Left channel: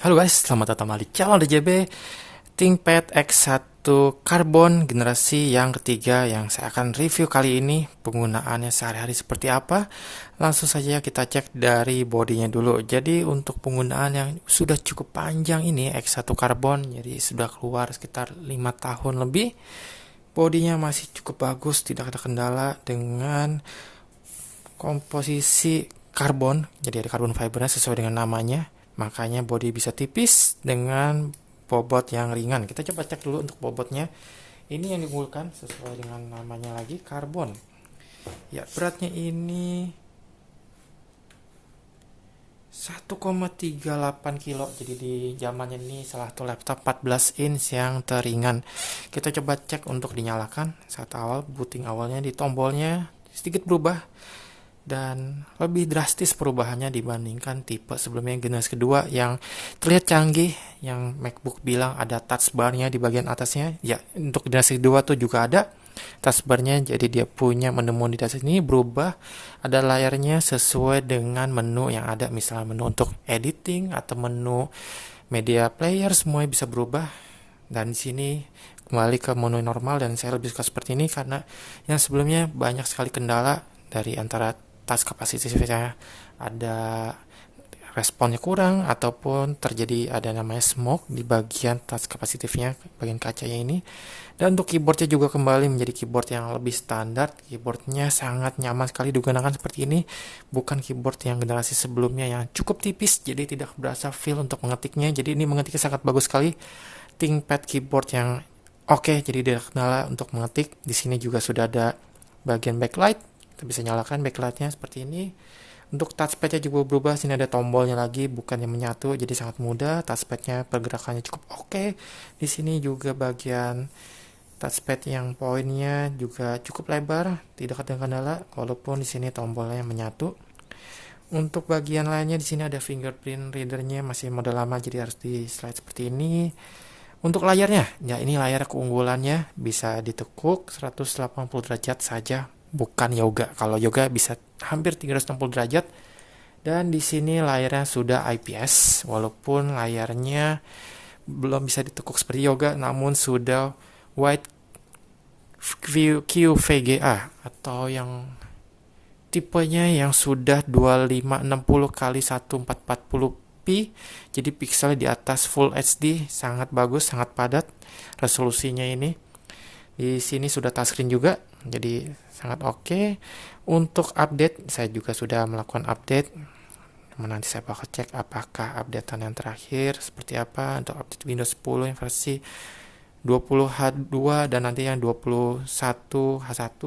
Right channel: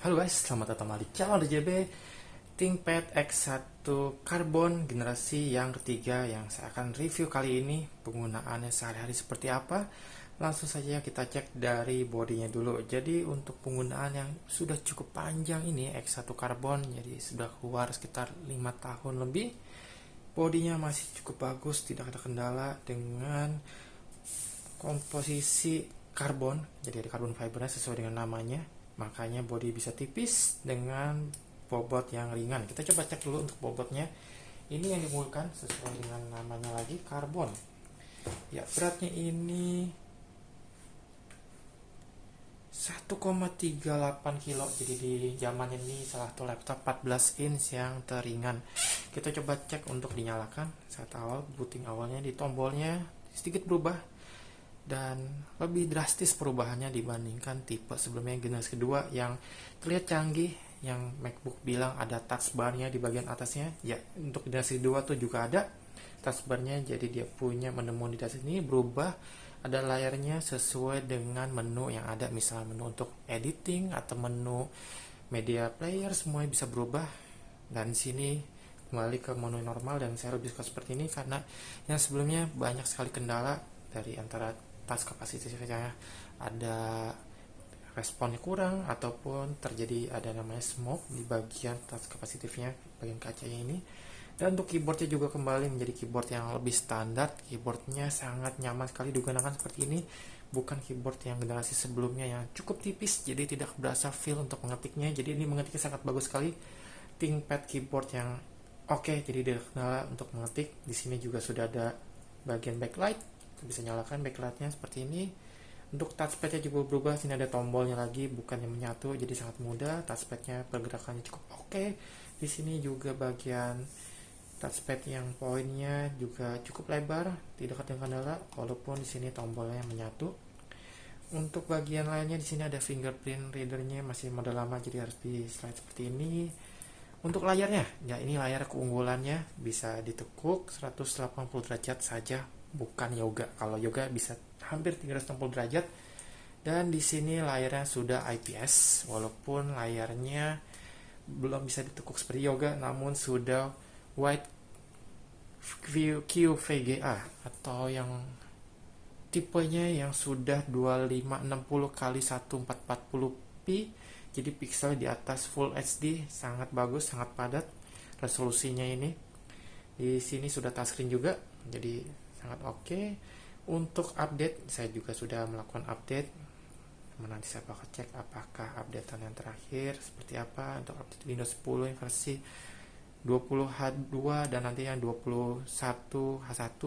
Halo guys, selamat datang kembali di channel DJB ThinkPad X1 Carbon generasi yang ketiga yang saya akan review kali ini. Penggunaannya sehari-hari seperti apa? Langsung saja kita cek dari bodinya dulu. Jadi untuk penggunaan yang sudah cukup panjang ini X1 Carbon, jadi sudah keluar sekitar 5 tahun lebih. Bodinya masih cukup bagus, tidak ada kendala dengan komposisi karbon, jadi ada karbon fibernya sesuai dengan namanya, makanya body bisa tipis dengan bobot yang ringan. Kita coba cek dulu untuk bobotnya. Ini yang digunakan sesuai dengan namanya lagi, karbon. Ya, beratnya ini 1,38 kilo. Jadi di zamannya ini salah satu laptop 14 inch yang teringan. Kita coba cek untuk dinyalakan. Saat awal, booting awalnya di tombolnya sedikit berubah dan lebih drastis perubahannya dibandingkan tipe sebelumnya generasi kedua yang terlihat canggih, yang MacBook bilang ada touch bar-nya di bagian atasnya. Ya, untuk generasi kedua tuh juga ada touch bar-nya, jadi dia punya menu di atas ini berubah, ada layarnya sesuai dengan menu yang ada, misalnya menu untuk editing atau menu media player, semuanya bisa berubah. Dan di sini kembali ke menu normal, dan saya lebih suka seperti ini karena yang sebelumnya banyak sekali kendala dari antara tas kapasitasnya, ada responnya kurang ataupun terjadi ada namanya smoke di bagian tas kapasitifnya, bagian kacanya ini. Dan untuk keyboardnya juga kembali menjadi keyboard yang lebih standar. Keyboardnya sangat nyaman sekali digunakan seperti ini, bukan keyboard yang generasi sebelumnya yang cukup tipis, jadi tidak berasa feel untuk mengetiknya. Jadi ini mengetiknya sangat bagus sekali. ThinkPad keyboard yang oke, jadi tidak kendala untuk mengetik. Di sini juga sudah ada bagian backlight, kita bisa nyalakan backlightnya seperti ini. Untuk touchpadnya juga berubah, sini ada tombolnya lagi, bukan yang menyatu, jadi sangat mudah. Touchpadnya pergerakannya cukup oke. Di sini juga bagian touchpad yang poinnya juga cukup lebar, tidak ada kendala, walaupun di sini tombolnya menyatu. Untuk bagian lainnya di sini ada fingerprint readernya, masih model lama, jadi harus di slide seperti ini. Untuk layarnya, ya ini layar keunggulannya, bisa ditekuk 180 derajat saja, bukan yoga. Kalau yoga bisa hampir 360 derajat. Dan di sini layarnya sudah IPS, walaupun layarnya belum bisa ditekuk seperti yoga, namun sudah wide view QVGA atau yang tipenya yang sudah 2560 kali 1440p, jadi pixel di atas Full HD, sangat bagus, sangat padat resolusinya ini. Di sini sudah touchscreen juga, jadi sangat oke. Untuk update, saya juga sudah melakukan update. Nanti saya bakal cek apakah updatean yang terakhir seperti apa untuk update Windows 10 yang versi 20H2 dan nanti yang 21H1.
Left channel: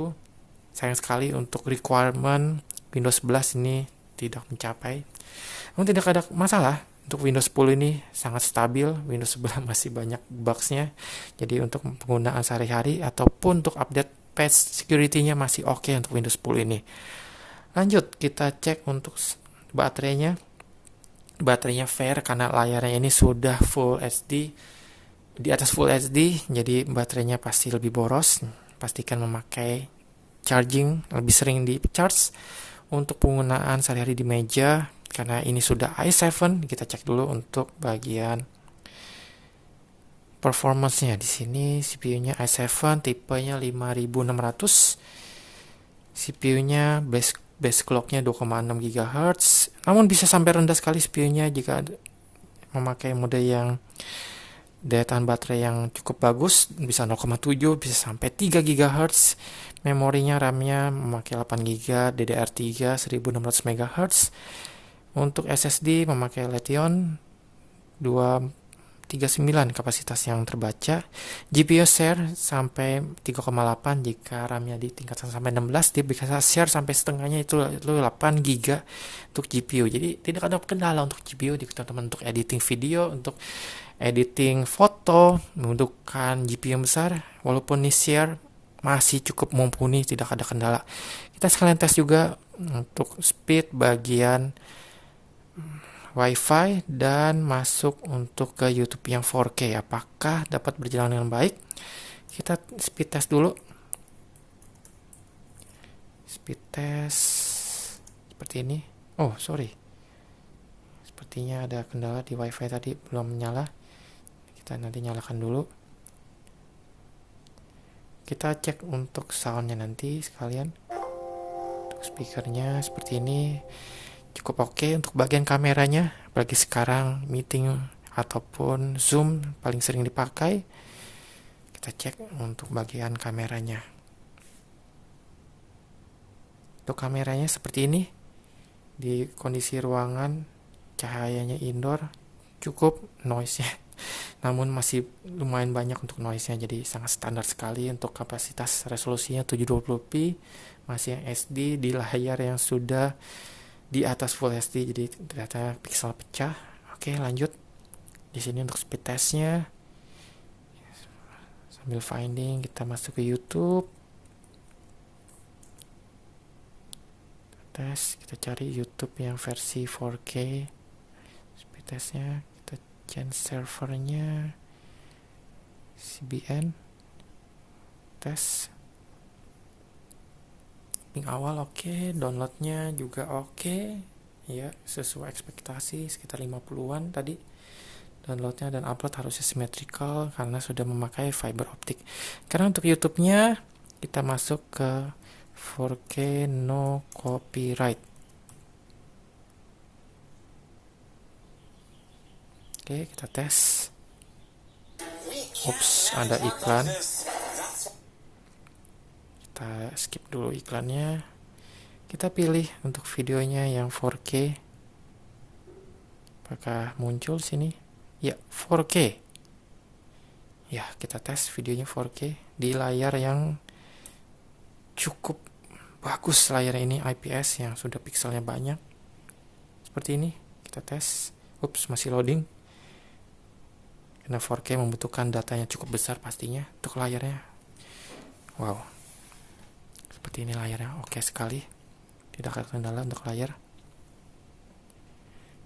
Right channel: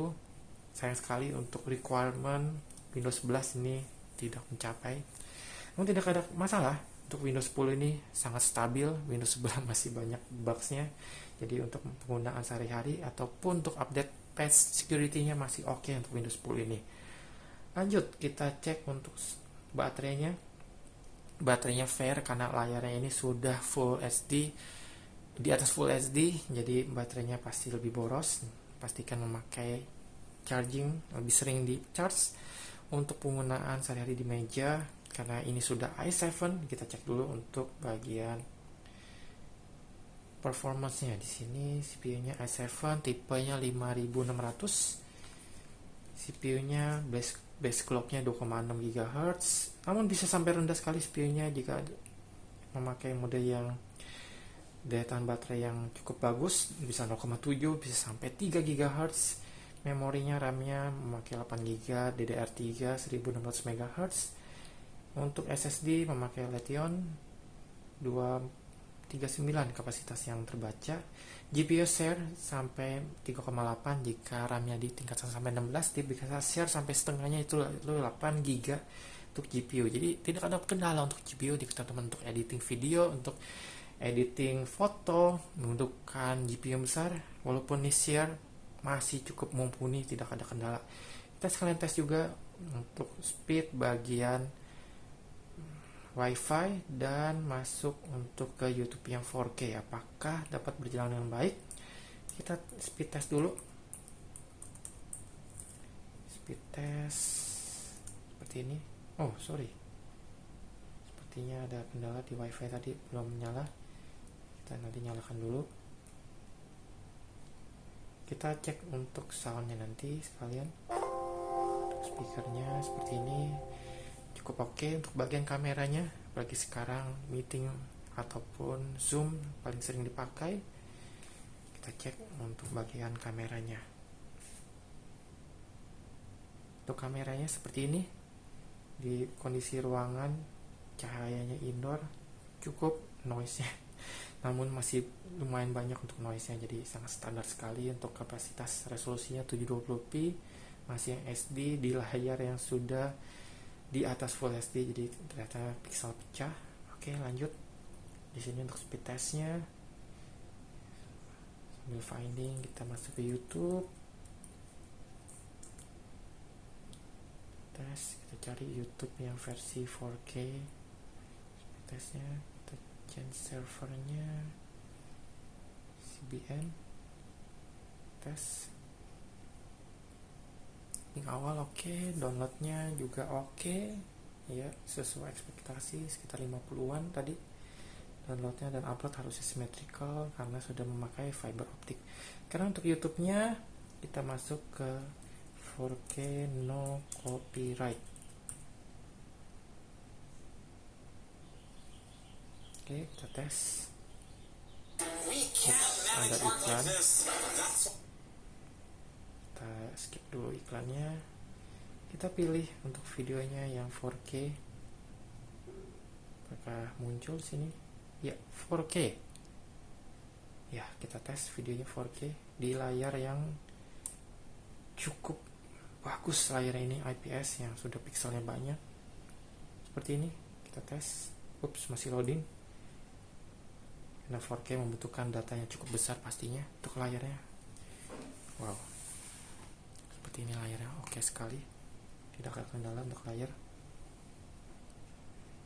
Sayang sekali untuk requirement Windows 11 ini tidak mencapai. Namun tidak ada masalah, untuk Windows 10 ini sangat stabil. Windows 11 masih banyak bugs-nya. Jadi untuk penggunaan sehari-hari ataupun untuk update patch security-nya masih oke untuk Windows 10 ini. Lanjut, kita cek untuk baterainya. Baterainya fair karena layarnya ini sudah Full HD, di atas Full HD, jadi baterainya pasti lebih boros. Pastikan memakai charging, lebih sering di charge. Untuk penggunaan sehari-hari di meja, karena ini sudah i7, kita cek dulu untuk bagian performance-nya. Di sini CPU-nya i7, tipenya 5600. CPU-nya base clock-nya 2,6 GHz. Namun bisa sampai rendah sekali CPU-nya jika memakai mode yang daya tahan baterai yang cukup bagus, bisa 0,7, bisa sampai 3 GHz. Memorinya, RAM-nya memakai 8 GB, DDR3 1600 MHz. Untuk SSD memakai Letion 239 kapasitas yang terbaca. GPU share sampai 3,8, jika RAM-nya ditingkatkan sampai 16, dia bisa share sampai setengahnya, itu 8 GB untuk GPU. Jadi tidak ada kendala untuk GPU di teman-teman untuk editing video, untuk editing foto, membutuhkan GPU besar, walaupun ini share masih cukup mumpuni, tidak ada kendala. Kita sekalian tes juga untuk speed bagian WiFi dan masuk untuk ke YouTube yang 4K, apakah dapat berjalan dengan baik. Kita speed test dulu. Speed test seperti ini. Oh, sorry. Seperti sepertinya ada kendala di wifi tadi, belum nyala. Kita nanti nyalakan dulu. Kita cek untuk soundnya nanti sekalian. Untuk speakernya seperti ini cukup oke. Untuk bagian kameranya, apalagi sekarang meeting ataupun Zoom paling sering dipakai, kita cek untuk bagian kameranya. Untuk kameranya seperti ini, di kondisi ruangan cahayanya indoor, cukup noise-nya namun masih lumayan banyak untuk noise-nya, jadi sangat standar sekali. Untuk kapasitas resolusinya 720p, masih yang SD di layar yang sudah di atas Full HD, jadi ternyata pixel pecah. Oke, lanjut. Di sini untuk speed testnya, sambil finding kita masuk ke YouTube. Tes, kita cari YouTube yang versi 4K. Speed testnya, kita change servernya CBN. Tes. Link awal oke, downloadnya juga oke. Ya, sesuai ekspektasi sekitar 50-an tadi downloadnya, dan upload harusnya symmetrical karena sudah memakai fiber optik. Karena untuk YouTube-nya kita masuk ke 4K no copyright. Oke, kita tes. Ups, ada iklan. Kita skip dulu iklannya. Kita pilih untuk videonya yang 4K. Apakah muncul sini? Ya, 4K. Ya, kita tes videonya 4K di layar yang cukup bagus. Layar ini IPS yang sudah pixelnya banyak. Seperti ini, kita tes. Ups, masih loading. Karena 4K membutuhkan datanya cukup besar pastinya untuk layarnya. Wow. Seperti ini layarnya, oke sekali. Tidak ada kendala untuk layar.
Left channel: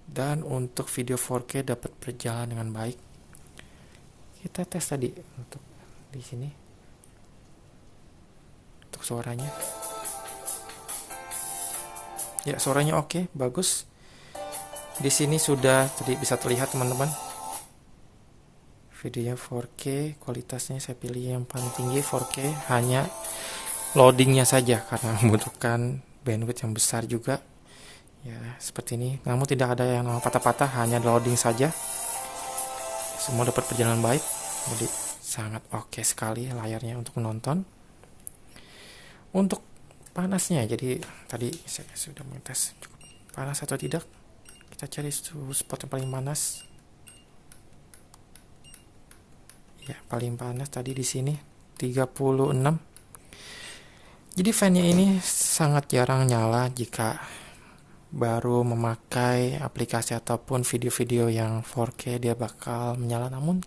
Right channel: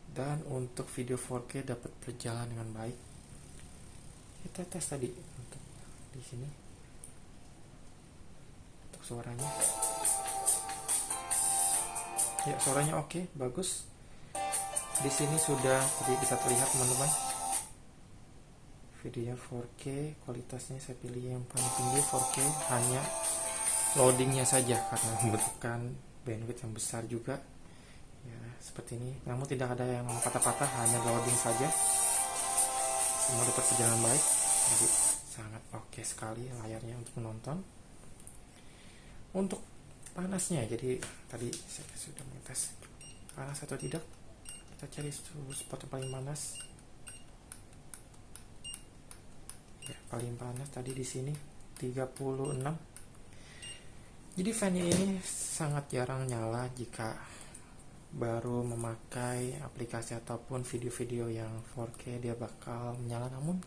Dan untuk video 4K dapat berjalan dengan baik. Kita tes tadi untuk di sini. Untuk suaranya. Ya, suaranya oke, bagus. Di sini sudah bisa terlihat teman-teman. Videonya 4K, kualitasnya saya pilih yang paling tinggi 4K, hanya loadingnya saja karena membutuhkan bandwidth yang besar juga. Ya, seperti ini. Namun tidak ada yang patah-patah, hanya loading saja. Semua dapat berjalan baik. Jadi sangat oke sekali layarnya untuk menonton. Untuk panasnya, jadi tadi saya sudah mengetes cukup panas atau tidak. Kita cari spot yang paling panas. Ya, paling panas tadi di sini 36. Jadi fan-nya ini sangat jarang nyala jika baru memakai aplikasi ataupun video-video yang 4K, dia bakal menyala, namun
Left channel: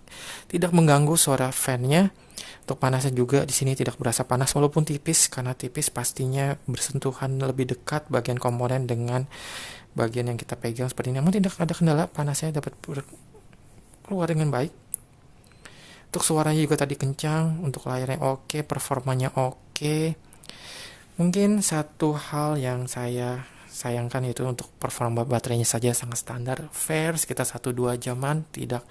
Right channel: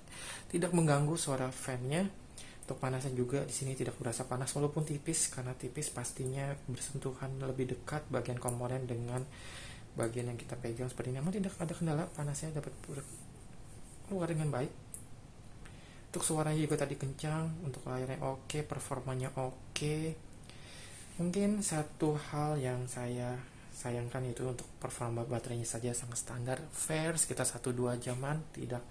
tidak mengganggu suara fan-nya. Untuk panasnya juga di sini tidak berasa panas walaupun tipis, karena tipis pastinya bersentuhan lebih dekat bagian komponen dengan bagian yang kita pegang seperti ini. Namun tidak ada kendala, panasnya dapat keluar dengan baik. Untuk suaranya juga tadi kencang, untuk layarnya oke, performanya oke. Mungkin satu hal yang saya sayangkan itu untuk performa baterainya saja sangat standar, fair sekitar 1-2 jaman, tidak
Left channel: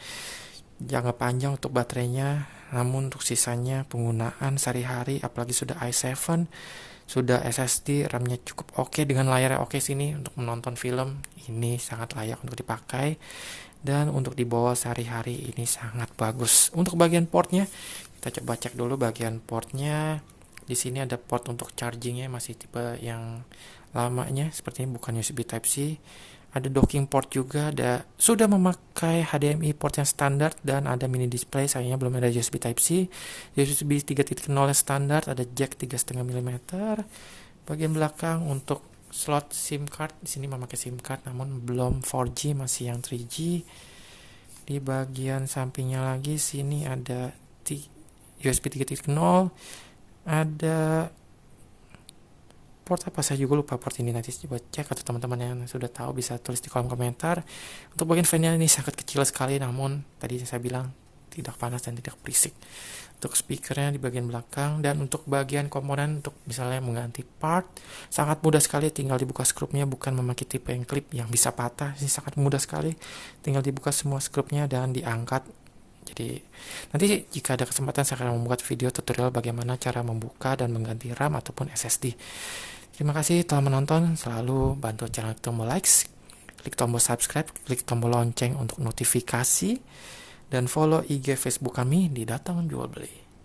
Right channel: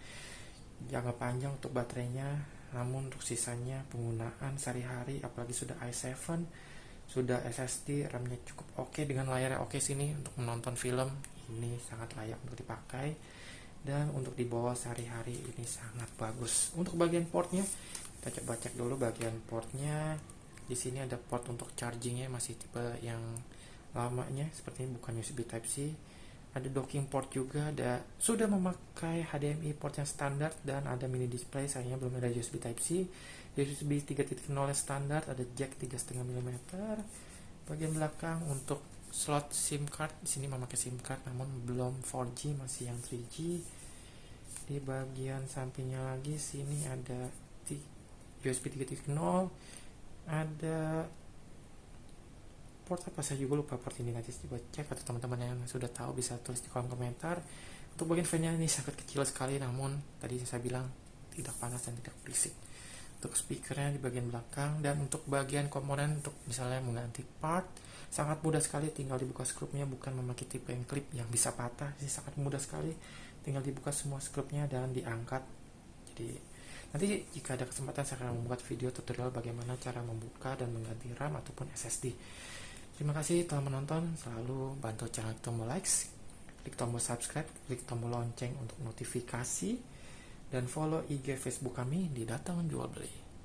jangka panjang untuk baterainya. Namun untuk sisanya penggunaan sehari-hari, apalagi sudah i7, sudah SSD, RAM-nya cukup oke, dengan layarnya oke sini untuk menonton film, ini sangat layak untuk dipakai. Dan untuk dibawa sehari-hari ini sangat bagus. Untuk bagian portnya, kita coba cek dulu bagian portnya. Di sini ada port untuk chargingnya, masih tipe yang lamanya, sepertinya bukan USB Type-C. Ada docking port juga, sudah memakai HDMI port yang standar, dan ada mini display, sayangnya belum ada USB Type-C. USB 3.0 yang standar, ada jack 3,5 mm. Bagian belakang untuk slot SIM card, di sini memakai SIM card namun belum 4G, masih yang 3G. Di bagian sampingnya lagi sini ada USB 3.0, ada port apa, saya juga lupa port ini, nanti coba cek, atau teman-teman yang sudah tahu bisa tulis di kolom komentar. Untuk bagian fan-nya ini sangat kecil sekali, namun tadi saya bilang tidak panas dan tidak berisik. untuk speakernya di bagian belakang. Dan untuk bagian komponen untuk misalnya mengganti part, sangat mudah sekali, tinggal dibuka skrupnya, bukan memakai tipe yang klip yang bisa patah. Ini sangat mudah sekali, tinggal dibuka semua skrupnya dan diangkat. Jadi nanti jika ada kesempatan saya akan membuat video tutorial bagaimana cara membuka dan mengganti RAM ataupun SSD. Terima kasih telah menonton, selalu bantu channel tombol likes, klik tombol subscribe, klik tombol lonceng untuk notifikasi, dan follow IG Facebook kami di Datang Jual Beli.